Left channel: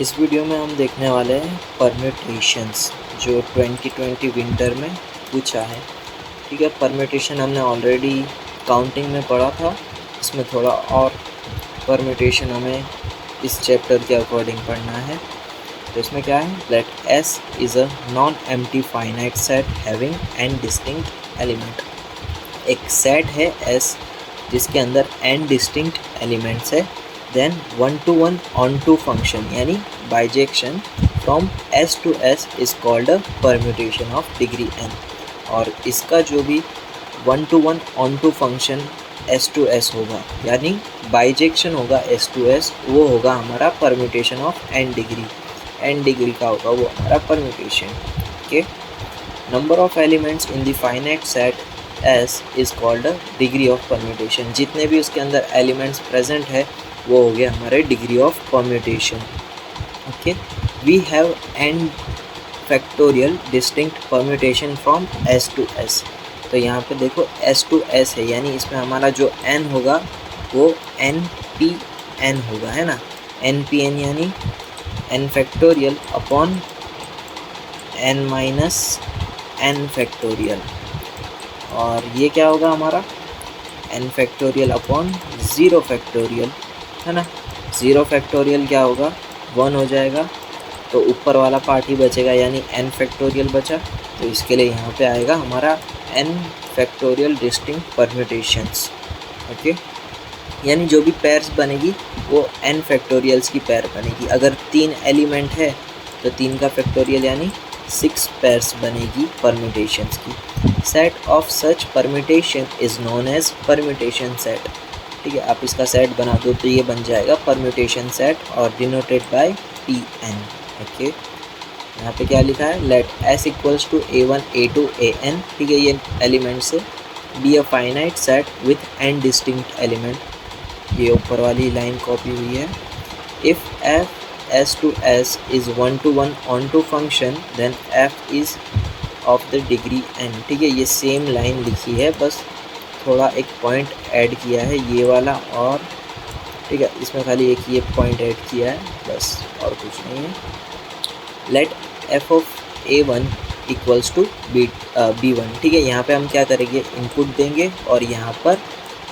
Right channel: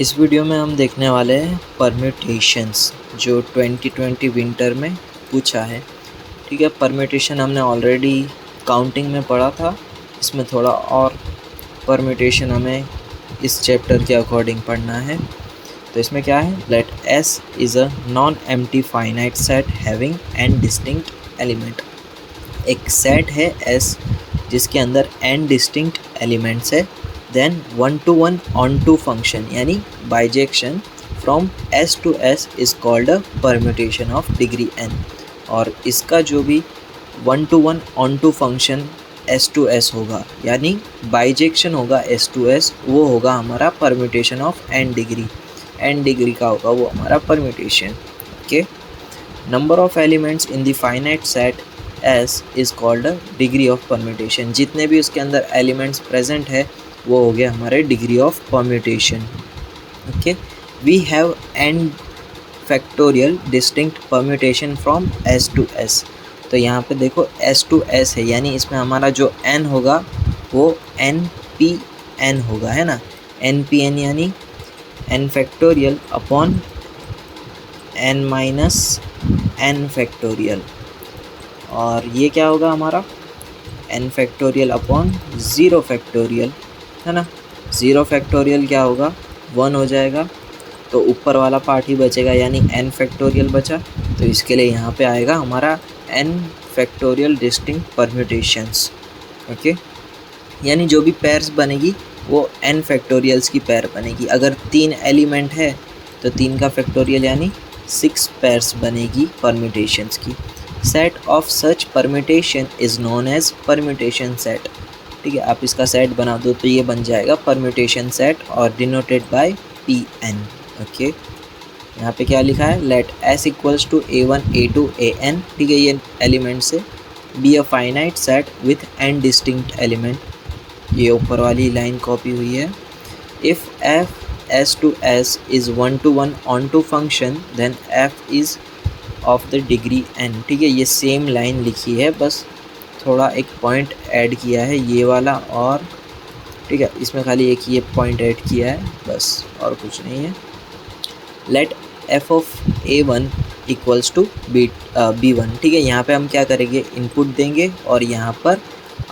इस वीडियो में हम देखने वाले हैं परम्यूटेशंस जो 2020 विंटर में पूछा है। ठीक है, परम्यूटेशन हमने ऑलरेडी काउंटिंग में पढ़ा था। इसमें थोड़ा और परम्यूटेशन हमें इस चैप्टर के अकॉर्डिंग पढ़ना है। तो इसमें क्या है, let S is a non empty finite set having n distinct element. एक सेट है S जिसके अंदर n डिस्टिंक्ट एलिमेंट्स है। देन 1-to-1 on-to फंक्शन यानी bijection from S to S is called a permutation of degree n। और इसका जो भी 1-to-1 on-to function S to S होगा यानी बाइजेक्शन होगा S to S, वो होगा हमारा परम्यूटेशन ऑफ n डिग्री का होगा वो हमारा permutation. Okay, number of elements in the finite set S is called degree of permutation. जितने भी उसके अंदर एलिमेंट्स प्रेजेंट है वो हो गया हमारे degree of permutation. Okay, we have n factorial distinct permutation from S to S। तो यहाँ पे देखो S to S है यानी इसमें हमारा जो n होगा वो npn होगा, है ना। npn यानी n factorial upon n minus n factorial, और ये क्या होगा हमारा n फैक्टोरियल अपॉन 0 फैक्टोरियल, है ना। 0 फैक्टोरियल क्या होगा, 1 हो जाएगा, तो ऊपर वाला पार्ट ही बचेगा यानी n फैक्टोरियल बचा। तो इसके लिए यहाँ पे आएगा हमारा n factorial distinct permutations. Okay, यानी जो भी पेयर्स बनेगी वो n फैक्टोरियल्स की पेयर बनेगी। अगर 3 एलिमेंट है तो 3 का फैक्टोरियल यानी 6 पेयर्स बनेगी परम्यूटेशंस की। Set of such permutation is known as permutation set. ठीक है, आप इसका सेट बना दो तो ये बन जाएगा परम्यूटेशन सेट और डिनोटेड बाय Pn। ओके, यहाँ पे क्या लिखा है, let S equals to A1 A2 AN। ठीक है, ये एलिमेंट्स है। Be a finite set with n distinct element, ये ऊपर वाली लाइन कॉपी हुई है। If f S to S is 1-to-1 on-to function then f is of the degree n। ठीक है, ये सेम लाइन लिखी है, बस थोड़ा एक पॉइंट ऐड किया है ये वाला, और ठीक है इसमें खाली एक ये पॉइंट ऐड किया है बस, और कुछ नहीं है। Let f of A1 equals to B1। ठीक है, यहाँ पे हम क्या करेंगे, इनपुट देंगे और यहाँ पर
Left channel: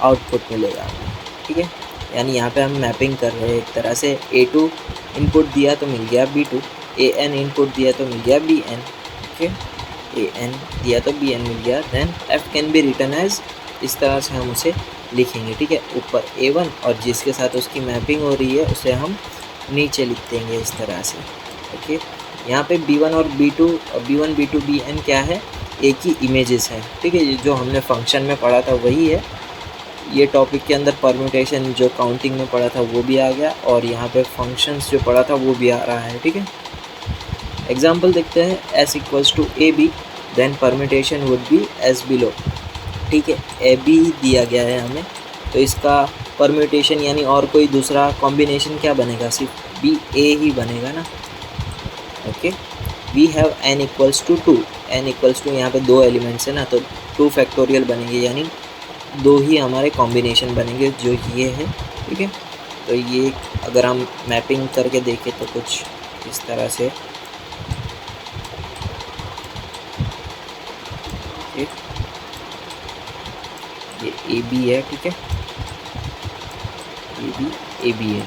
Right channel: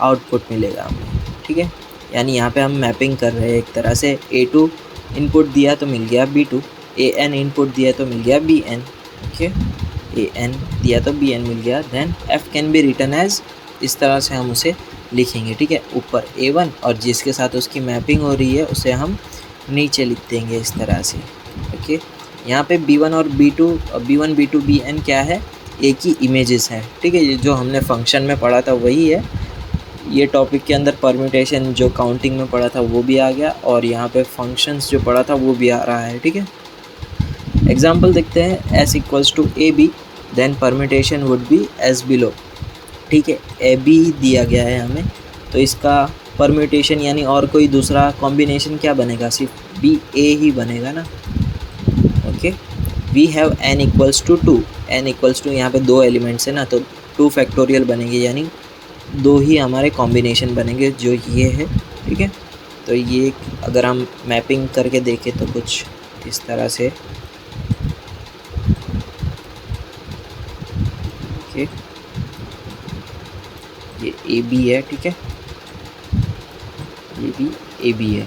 आउटपुट मिलेगा हमें। ठीक है, यानी यहाँ पे हम मैपिंग कर रहे हैं एक तरह से। A2 इनपुट दिया तो मिल गया B2, AN इनपुट दिया तो मिल गया BN। ओके, AN दिया तो BN मिल गया। Then F can be written as, इस तरह से हम उसे लिखेंगे। ठीक है, ऊपर A1 और जिसके साथ उसकी मैपिंग हो रही है उसे हम नीचे लिख देंगे इस तरह से। ओके, यहाँ पे B1 और B2, B1 B2 BN क्या है, एक ही इमेजेस हैं। ठीक है, ये जो हमने फंक्शन में पढ़ा था वही है। ये टॉपिक के अंदर परम्यूटेशन जो काउंटिंग में पढ़ा था वो भी आ गया, और यहाँ पे फंक्शंस जो पढ़ा था वो भी आ रहा है। ठीक है, एग्जांपल देखते हैं। S equals to AB then permutation would be as below. ठीक है, AB दिया गया है हमें, तो इसका परम्यूटेशन यानी और कोई दूसरा कॉम्बिनेशन क्या बनेगा, सिर्फ BA ही बनेगा ना। Okay, we have n equals to 2। n equals to, यहाँ पे 2 एलिमेंट्स है ना, तो 2 फैक्टोरियल बनेंगे यानी 2 ही हमारे कॉम्बिनेशन बनेंगे जो ये है। ठीक है, तो ये अगर हम मैपिंग करके देखें तो कुछ इस तरह से। ओके, ये AB है। ठीक है, ये भी AB है।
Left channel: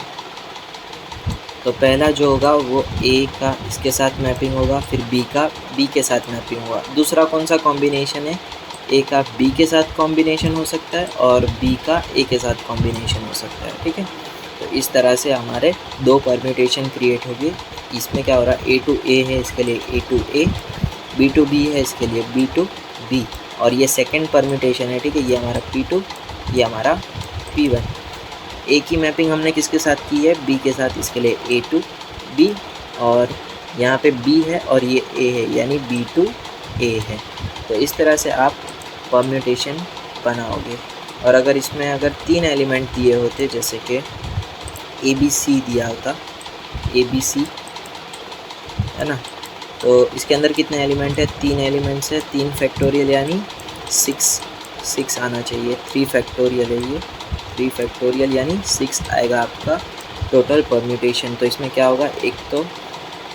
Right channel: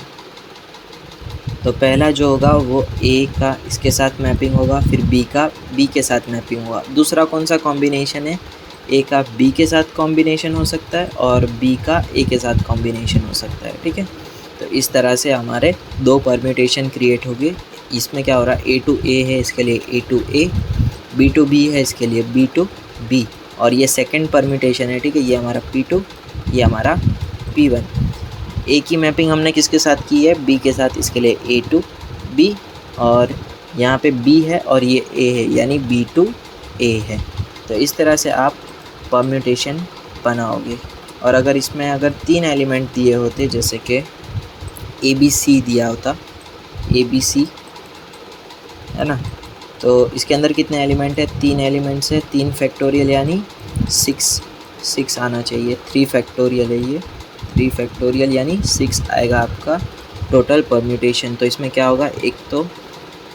तो पहला जो होगा वो A का इसके साथ मैपिंग होगा, फिर B का B के साथ मैपिंग होगा। दूसरा कौन सा कॉम्बिनेशन है, A का B के साथ कॉम्बिनेशन हो सकता है और B का A के साथ कॉम्बिनेशन हो सकता है। ठीक है, तो इस तरह से हमारे 2 परम्यूटेशन क्रिएट हो गए। इसमें क्या हो रहा है, A to A है इसके लिए A to A, B to B है इसके लिए B to B, और ये सेकेंड परम्यूटेशन है। ठीक है, ये हमारा P2, ये हमारा P1। ए की मैपिंग हमने किसके साथ की है, B के साथ, इसके लिए A to B, और यहाँ पे B है और ये A है यानी B to A है। तो इस तरह से आप परम्यूटेशन बनाओगे। और अगर इसमें अगर 3 एलिमेंट दिए होते, जैसे कि ABC दिया होता, ABC है ना, तो इसके अंदर कितने एलिमेंट है, 3 एलिमेंट्स है। 3 फैक्टोरियल यानी 6 आना चाहिए। 3 फैक्टोरियल है ये, 3 फैक्टोरियल यानी 6 आएगा आपका टोटल परम्यूटेशन। तो इसमें क्या होगा, एक तो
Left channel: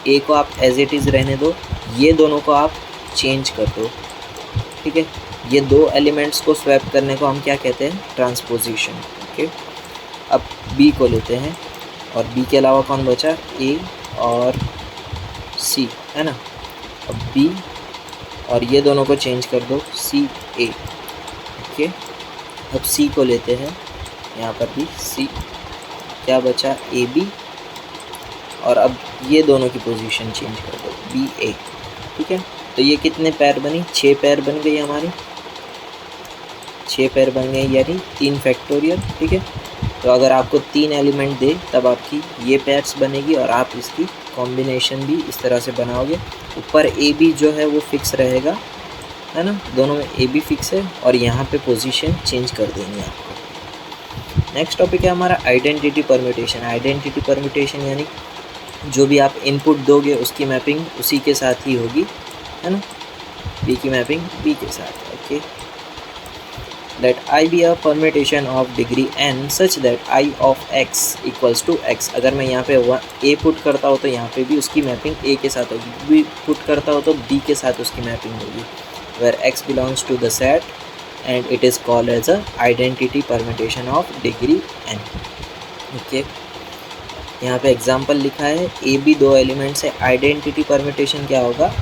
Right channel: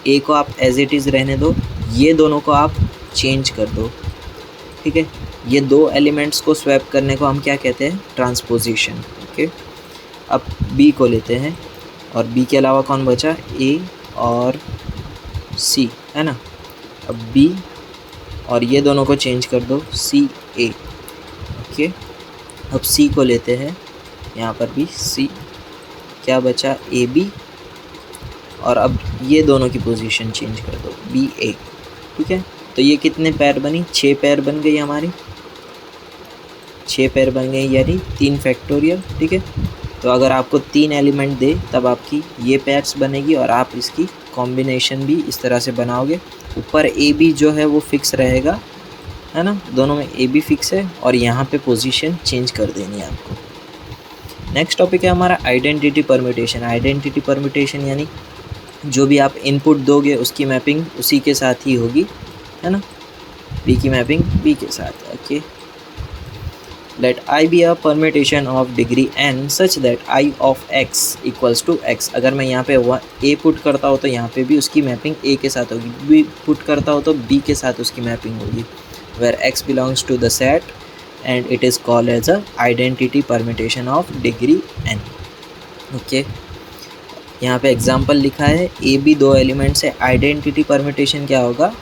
ए को आप एज इट इज़ रहने दो, ये दोनों को आप चेंज कर दो, ठीक है। ये दो एलिमेंट्स को स्वैप करने को हम क्या कहते हैं, ट्रांसपोजिशन, ओके। अब बी को लेते हैं, और बी के अलावा कौन बचा, ए और सी, है ना। अब बी और ये दोनों को चेंज कर दो, सी ए, ओके। अब सी को लेते हैं, यहाँ पर भी सी, क्या बचा, ए बी, और अब ये दोनों की पोजीशन चेंज कर दो, बी ए, ठीक है। तो ये कितने पैर बनी, 6 पैर बन गई हमारी, 6 पैर बन गए, यानी 3 फैक्टोरियल, ठीक है। तो अगर आपको 3 एलिमेंट दे तब आपकी ये पैर्स बनेगी, और आप इसकी कॉम्बिनेशन भी इस तरह से बनाओगे। ऊपर ए बी जो है वो फिक्स रहेगा, है ना, दोनों में ए बी फिक्स है, और यहाँ पे पोजीशन चेंज कर देंगे आपको। नेक्स्ट टॉपिक है हमारा आइडेंटिटी परम्यूटेशन। आइडेंटिटी परम्यूटेशन यानी जो भी आप इनपुट दोगे उसकी मैपिंग उसी के साथ ही होगी, है ना, बी की मैपिंग बी के साथ, okay. Let I be a permutation of degree n such that I of x equals to x। अगर मैं यहाँ पे a पुट करता हूँ तो यहाँ पे भी उसकी मैपिंग a के साथ होगी, b पुट करता हूँ तो b के साथ उसकी मैपिंग होगी, where x belongs to the set and it is called as a identity permutation of degree n, okay. यहाँ पे एग्जाम्पल लिखा है, ए बी दो एलिमेंट्स है, आइडेंटिटी परम्यूटेशन क्या होगा,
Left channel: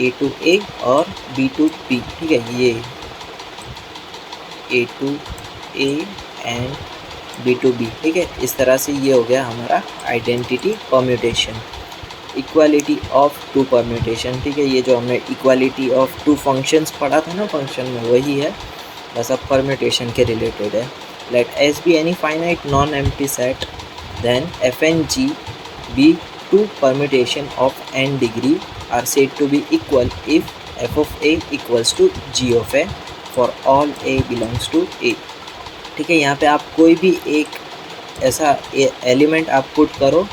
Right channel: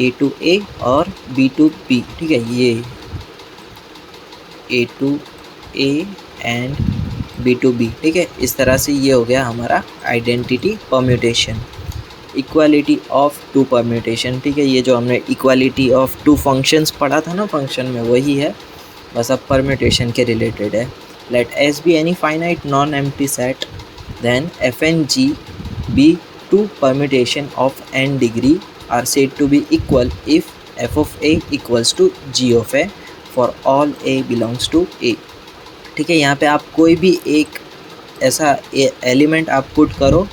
a to a और b to b, ठीक है। ये A to A and B to B, ठीक है। इस तरह से ये हो गया हमारा identity permutation. Equality of two permutation, ठीक है। ये जो हमने इक्वालिटी ऑफ टू फंक्शंस पढ़ा था ना फंक्शन में, वही है, बस अब परम्यूटेशन के रिलेटेड है। Let S be any finite non empty set then f and g be two permutation of n degree are said to be equal if f of a equals to g of a for all a belongs to a, ठीक है। यहाँ पे आप कोई भी एक ऐसा element आप पुट करो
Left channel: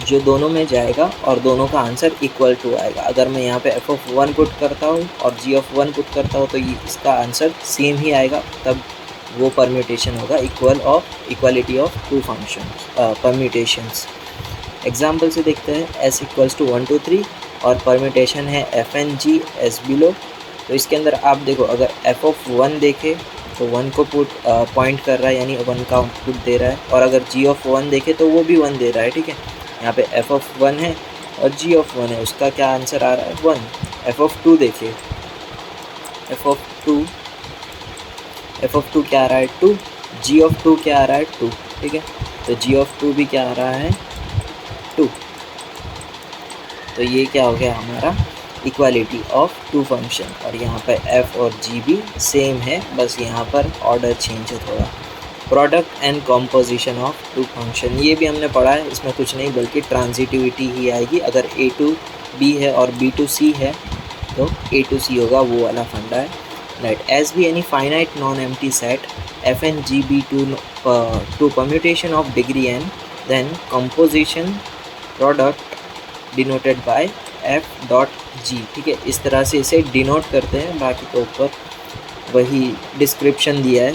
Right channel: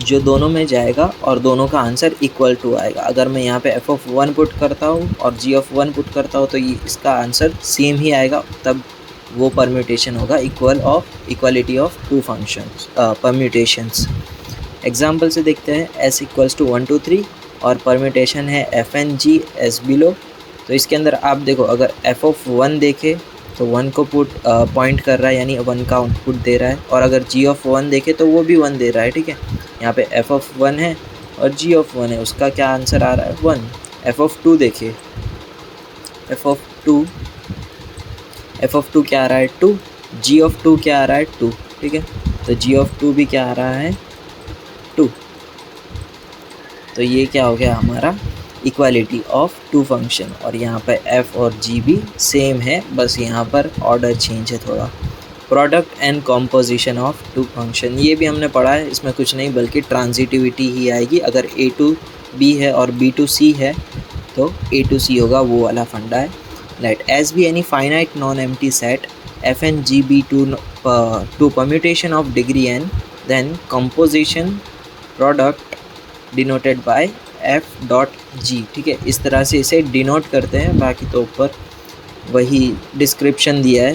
जो दोनों में जाएगा और दोनों का आंसर इक्वल टू आएगा। अगर मैं यहाँ पे f of 1 पुट करता हूँ और g of 1 पुट करता हूँ तो ये इसका आंसर सेम ही आएगा, तब वो परम्यूटेशन होगा equality of two functions permutations. Example से देखते हैं, s इक्वल्स टू 1 2 3 और परम्यूटेशन है f and g as below। तो इसके अंदर आप देखो, अगर f of 1 देखे तो 1 को पुट पॉइंट कर रहा है, यानी 1 का आउटपुट दे रहा है, और अगर g of 1 देखे तो वो भी 1 दे रहा है, ठीक है। यहाँ पे f of 1 है और g of 1 है, उसका क्या आंसर आ रहा है, 1। f of 2 देखिए, f of 2 क्या आ रहा है, 2, g of 2 क्या आ रहा है, 2, ठीक है। तो g of 2 भी क्या आ रहा है, 2। तो ये क्या हो गया हमारा इक्वालिटी ऑफ टू फंक्शन, और यहाँ पर f और g भी सेम है, बस यहाँ पर ऑर्डर चेंज है थोड़ा। Product and composition of two function, ये भी हमने पढ़ा है, इसमें कुछ नहीं बल्कि ट्रांजिटिविटी ही आएगी। अगर a to b है और b to c है तो a to c होगा, वो वाला फंडा है। Let S be any finite non empty set f and g be two permutation of degree n, then composition product denoted by f dot g, ठीक है। इस तरह से इसे डिनोट करते हैं, बाकी तो ऊपर वही डिस्क्रिप्शन दिया है,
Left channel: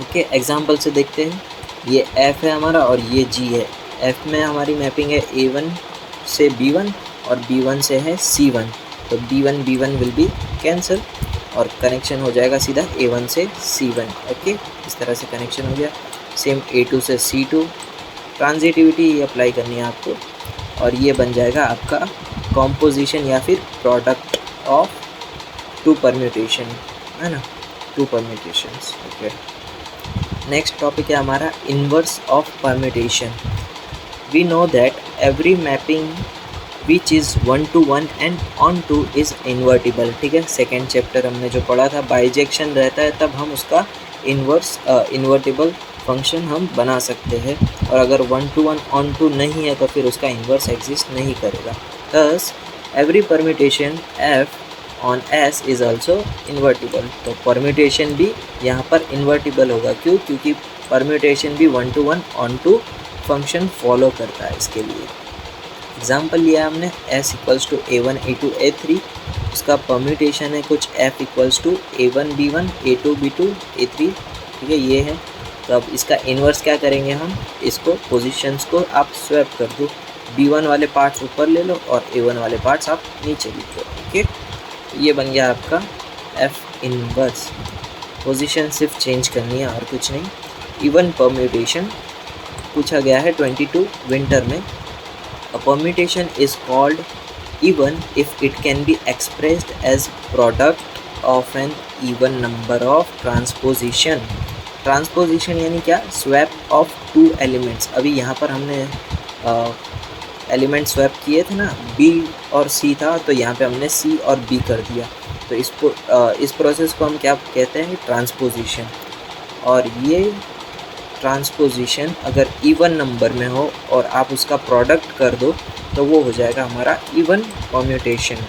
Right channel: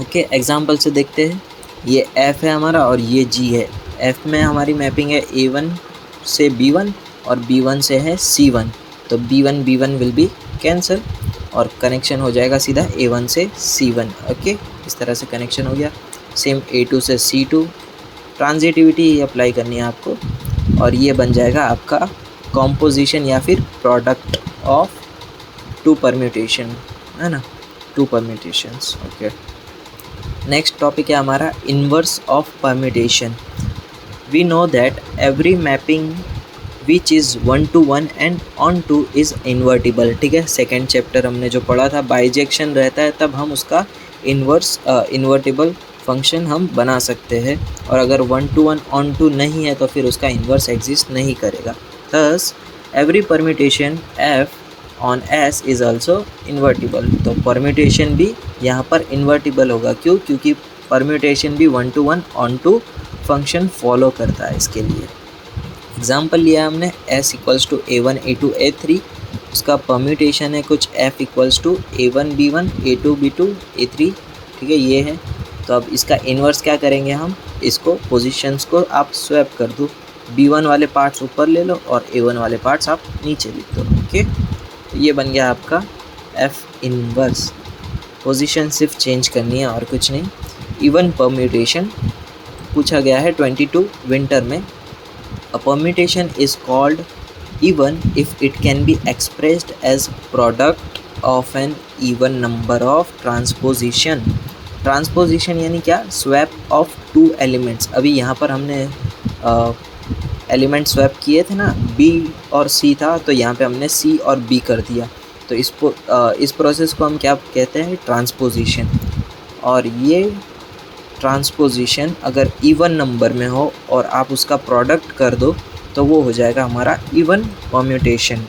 ओके। एग्जांपल से देखते हैं, ये f है हमारा और ये g है। f में हमारी मैपिंग है a1 से b1 और b1 से है c1, तो b1 विल बी कैंसिल और कनेक्शन हो जाएगा सीधा a1 से c1, ओके। इस तरह से कनेक्शन हो गया। सेम a2 से c2, ट्रांजिटिविटी ही अप्लाई करनी है आपको, और ये बन जाएगा आपका कॉम्पोजिशन या फिर प्रोडक्ट ऑफ टू परम्यूटेशन, है ना, two permutations, okay. Next topic है हमारा inverse of permutation. We know that every mapping which is 1 to 1 and onto is invertible, ठीक है। सेकेंड चैप्टर हमने जो पढ़ा था, बाइजेक्शन रहता है तब हम उसका इन्वर्टिबल फंक्शन हम बना सकते हैं, और अगर 1 to 1 ऑन टू नहीं है तो फिर उसका इन्वर्स एग्जिस्ट नहीं करेगा। Thus every permutation f on s is also invertible, तो परम्यूटेशन भी यहाँ पर इन्वर्टिबल होगा। क्यों? क्योंकि परम्यूटेशन भी 1 to 1 onto function follow करता है। इसके लिए एग्जाम्पल लिया है हमने, s equals to a1 a2 a3, उसका परम्यूटेशन है कुछ f equals to a1 b1 a2 b2 a3, ठीक है, ये है। तो अब इसका इन्वर्स क्या करेंगे हम, इसको पोजीशंस को आप स्वैप कर दो, B1 वाले पार्ट्स ऊपर ले लो और A1 वाले पार्ट्स आप नीचे लिख दो। ओके, तो ये बन गया आपका F इन्वर्स। पोजीशन सिर्फ चेंज करनी है और कुछ नहीं। इवन परम्यूटेशन पूछा गया है 22 विंटर में। A permutation is called even if it can be expressed as product of an even number of transposition. Transposition यानी क्या, स्वैप ऑफ टू एलिमेंट्स। अभी यहाँ पर हमने एलिमेंट स्वैप किए थे ना, B और C था, तो यहाँ पे हमने C और B कर दिया। तो इस प्रोसेस को हम क्या कहते हैं, ट्रांसपोजिशन। और ये ट्रांसपोजिशन अगर इवन नंबर में हो और आप उसका प्रोडक्ट कर दो तो वो हो जाएगा हमारा इवन परम्यूटेशन।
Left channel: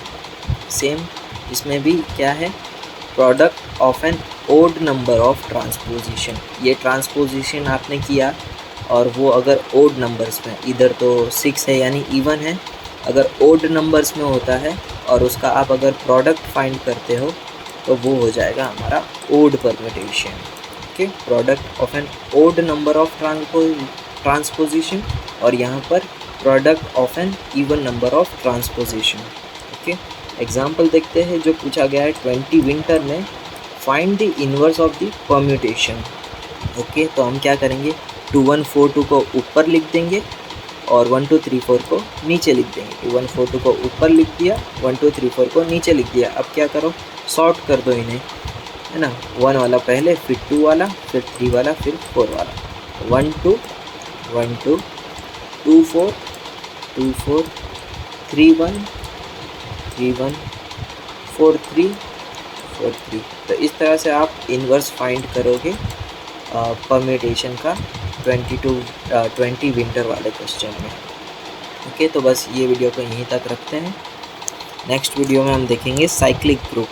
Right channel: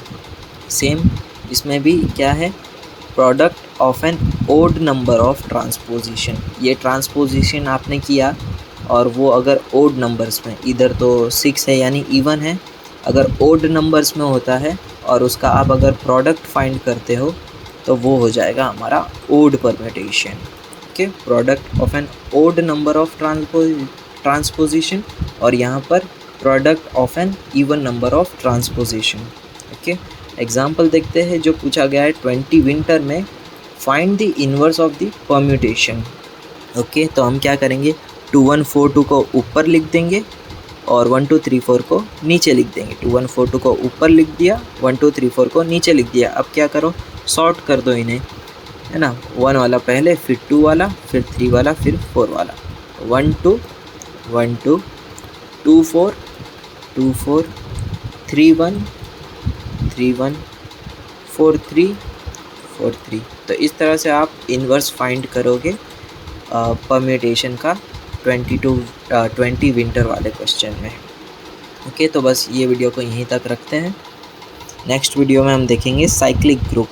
सेम इसमें भी क्या है, product of an odd number of transposition. ये ट्रांसपोजिशन आपने किया और वो अगर ओड नंबर्स में, इधर तो 6 है यानी इवन है, अगर ओड नंबर्स में होता है और उसका आप अगर प्रोडक्ट फाइंड करते हो तो वो हो जाएगा हमारा odd permutation. Okay, product of an odd number of transposition और यहाँ पर product of an even number of transposition. Okay, example देखते हैं जो पूछा गया है 20 विंटर में, find the inverse of the permutation. Okay, तो हम क्या करेंगे, 2142 को ऊपर लिख देंगे और 1234 को नीचे लिख देंगे। 2142 को ऊपर लिख दिया, 1234 को नीचे लिख दिया। अब क्या करो, सॉर्ट कर दो इन्हें, है ना। 1 वाला पहले, फिर 2 वाला, फिर 3 वाला, फिर 4 वाला। 1 2 1 2 2 4 2 4 3 1 3 1 4 3 4 3। तो इस तरह से आप इन्वर्स फाइंड करोगे परम्यूटेशन का 20 विंटर वाले क्वेश्चन में। ओके, तो बस ये वीडियो को यहीं तक रखते हैं। नेक्स्ट वीडियो में हम देखेंगे साइक्लिक ग्रुप।